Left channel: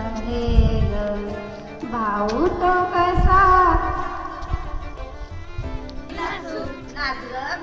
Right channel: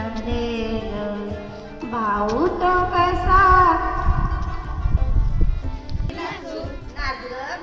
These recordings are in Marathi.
झाले भाऊ तो कसा? नाचलं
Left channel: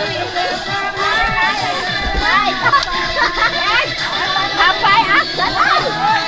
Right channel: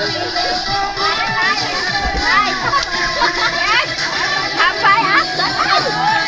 ไปทำไปอะ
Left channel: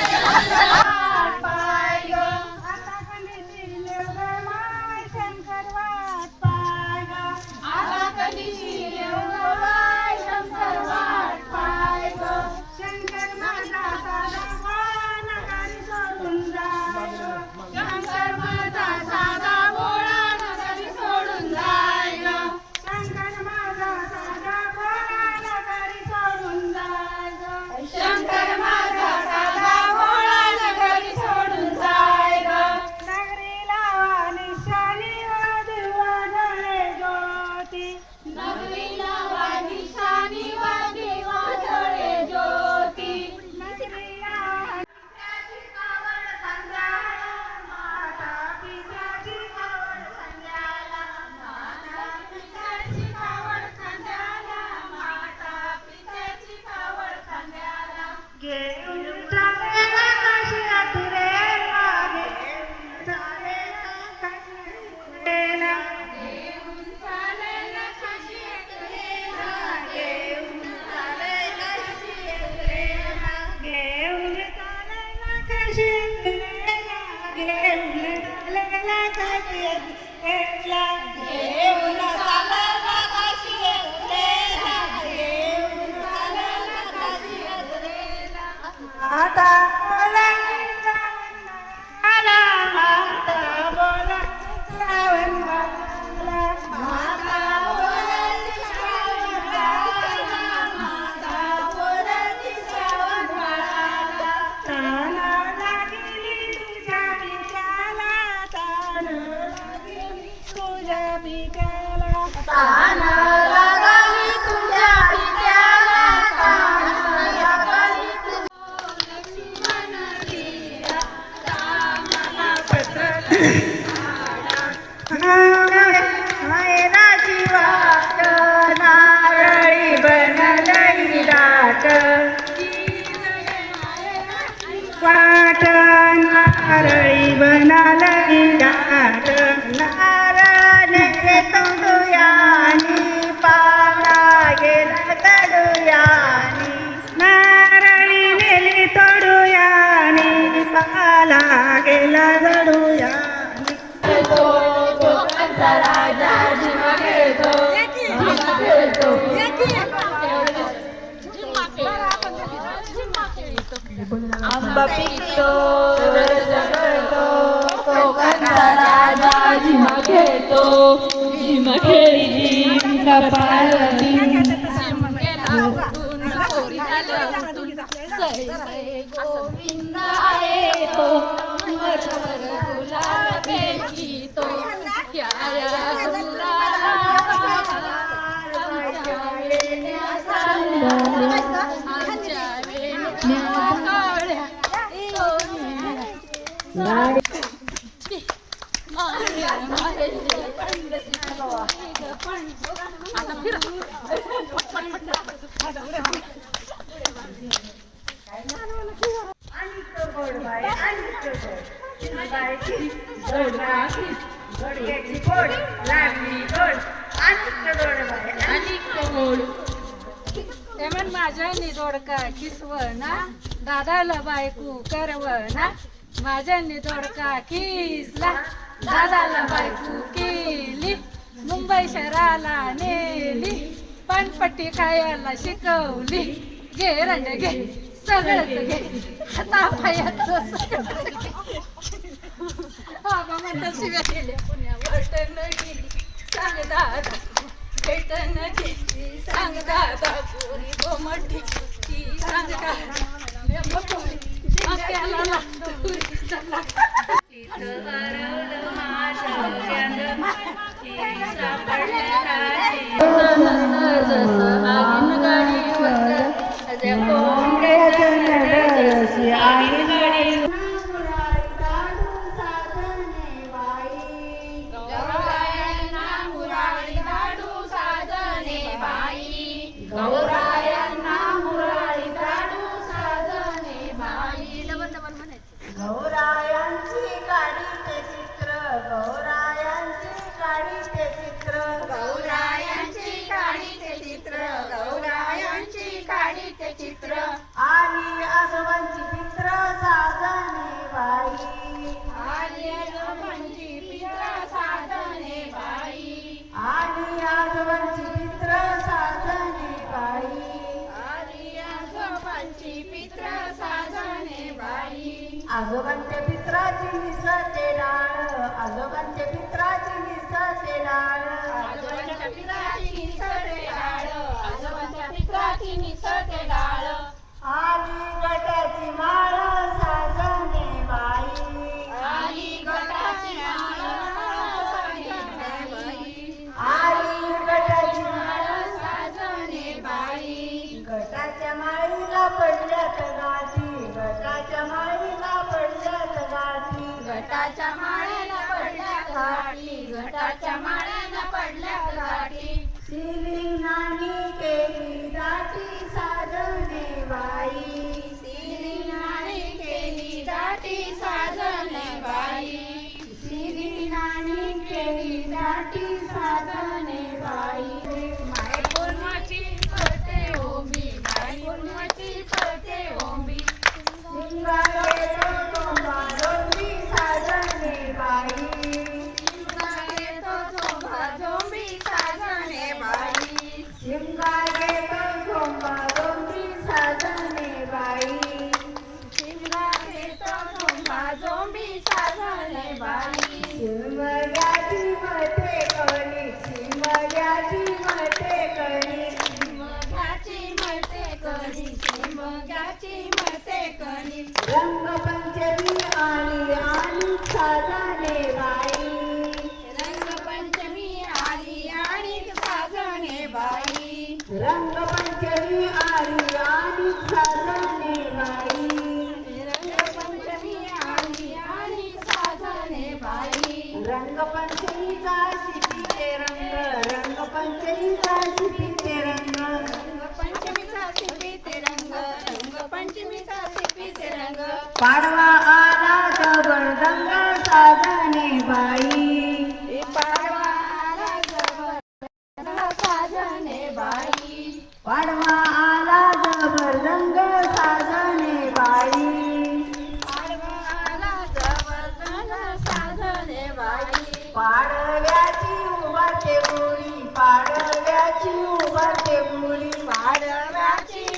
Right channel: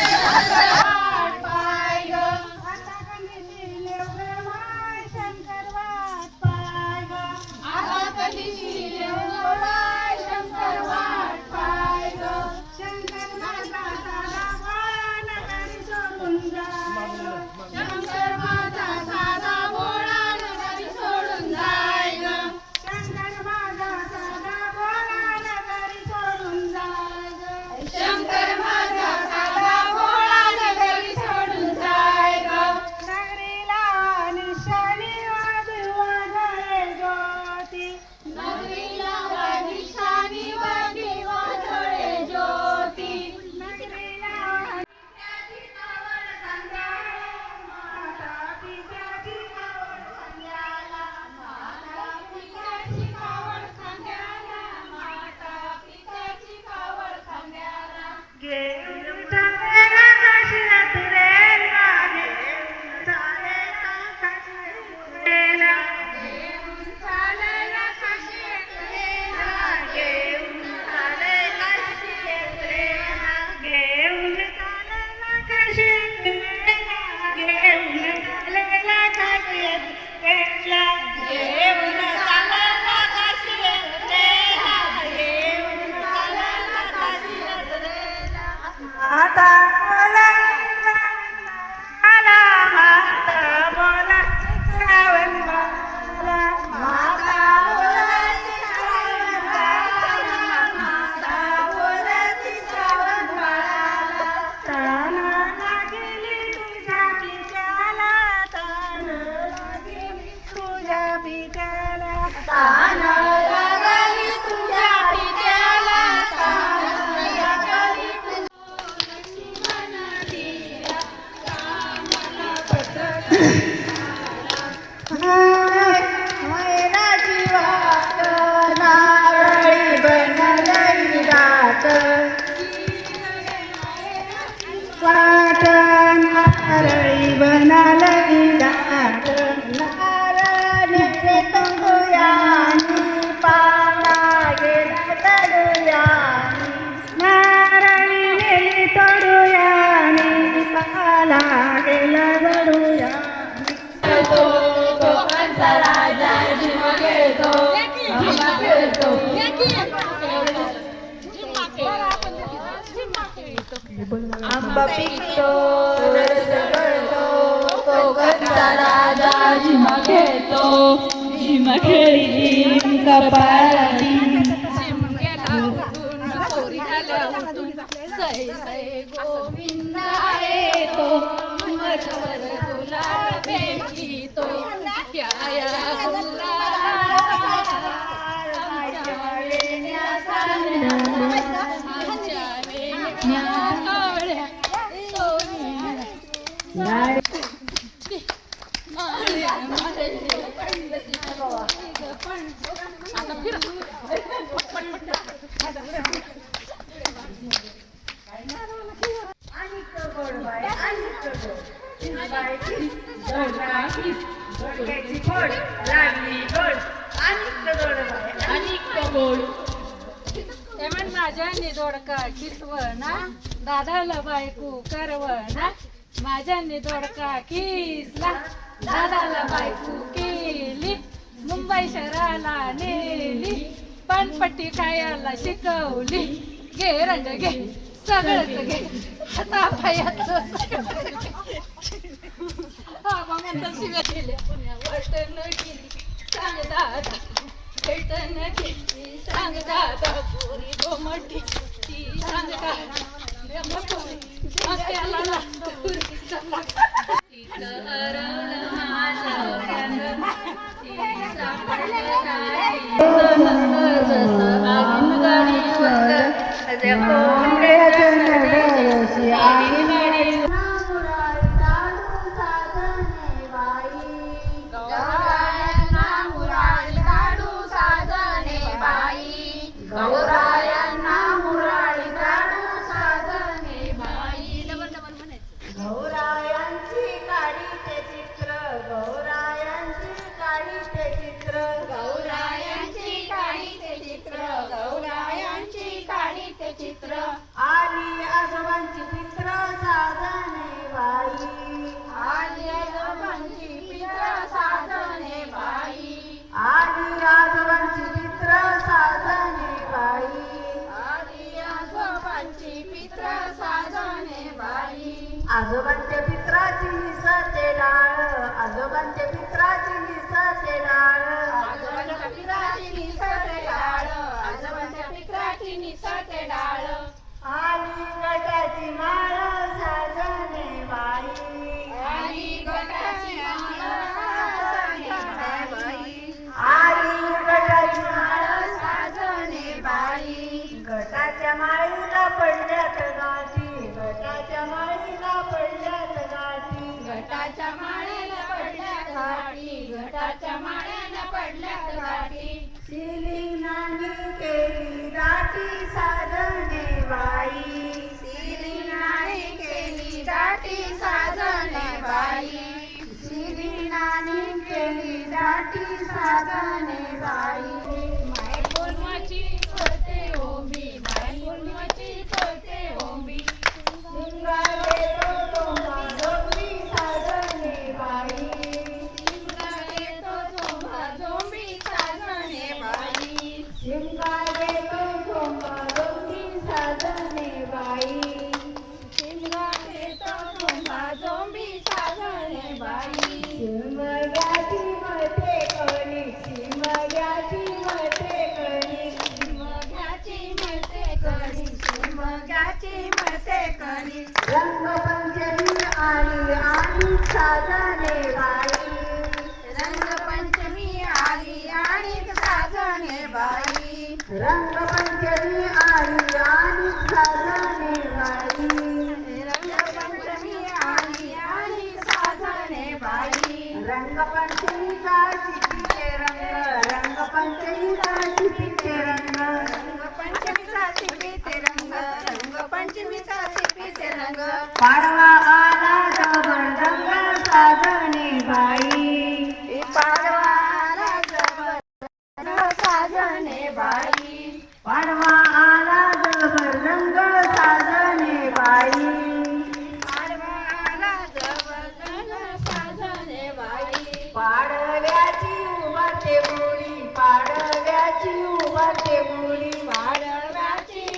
आंबा पिकतो खेळतो. कोकणचा राजा झिमा खेळतो. झिम खेळी कपाळा गोविंदा येतो. मधुर तुला भेटितो तेमन माझ्या निदोडका किसवना दादाला बायको करवना माझ्या निदोडका किसला दादाला बायको केली मुंबई शहराला नेली पणपट्टी खायला शिकवली घे रंज घे सगळं बाबा गेली सांग दादा भेटन गेली सांग दादा पोरी ती सांग दादा आजोबांचे आजोबांच्या पित्राची निसते डाळ आजोबांच्या पित्राची निसते डाळ. आजोबांच्या पित्राची निसते डाळ आजोबांच्या पित्राची निसते घटाच्या माळ्याला पडल्या घाटी घटाच्या माळ्याला पडल्या घाटी शिली नानी केली दाटी साजणे बाई. सिरी नाणी केली दाटी साधने बाई. सिरी नाणी केली दाटी साधने बाई. 挑战李白 साजने बाई. पाडवाला जबर साजणे बाई. पाडवा आला डबल रंग साजने बाई. जबर बाई. पाडव्याची उभारते गोळी पाडव्याची उभारते गोळी पाडव्याची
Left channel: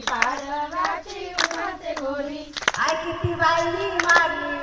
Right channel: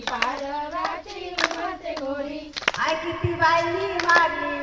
पाडव्याची उमरते घोडी आय किती बाई माझी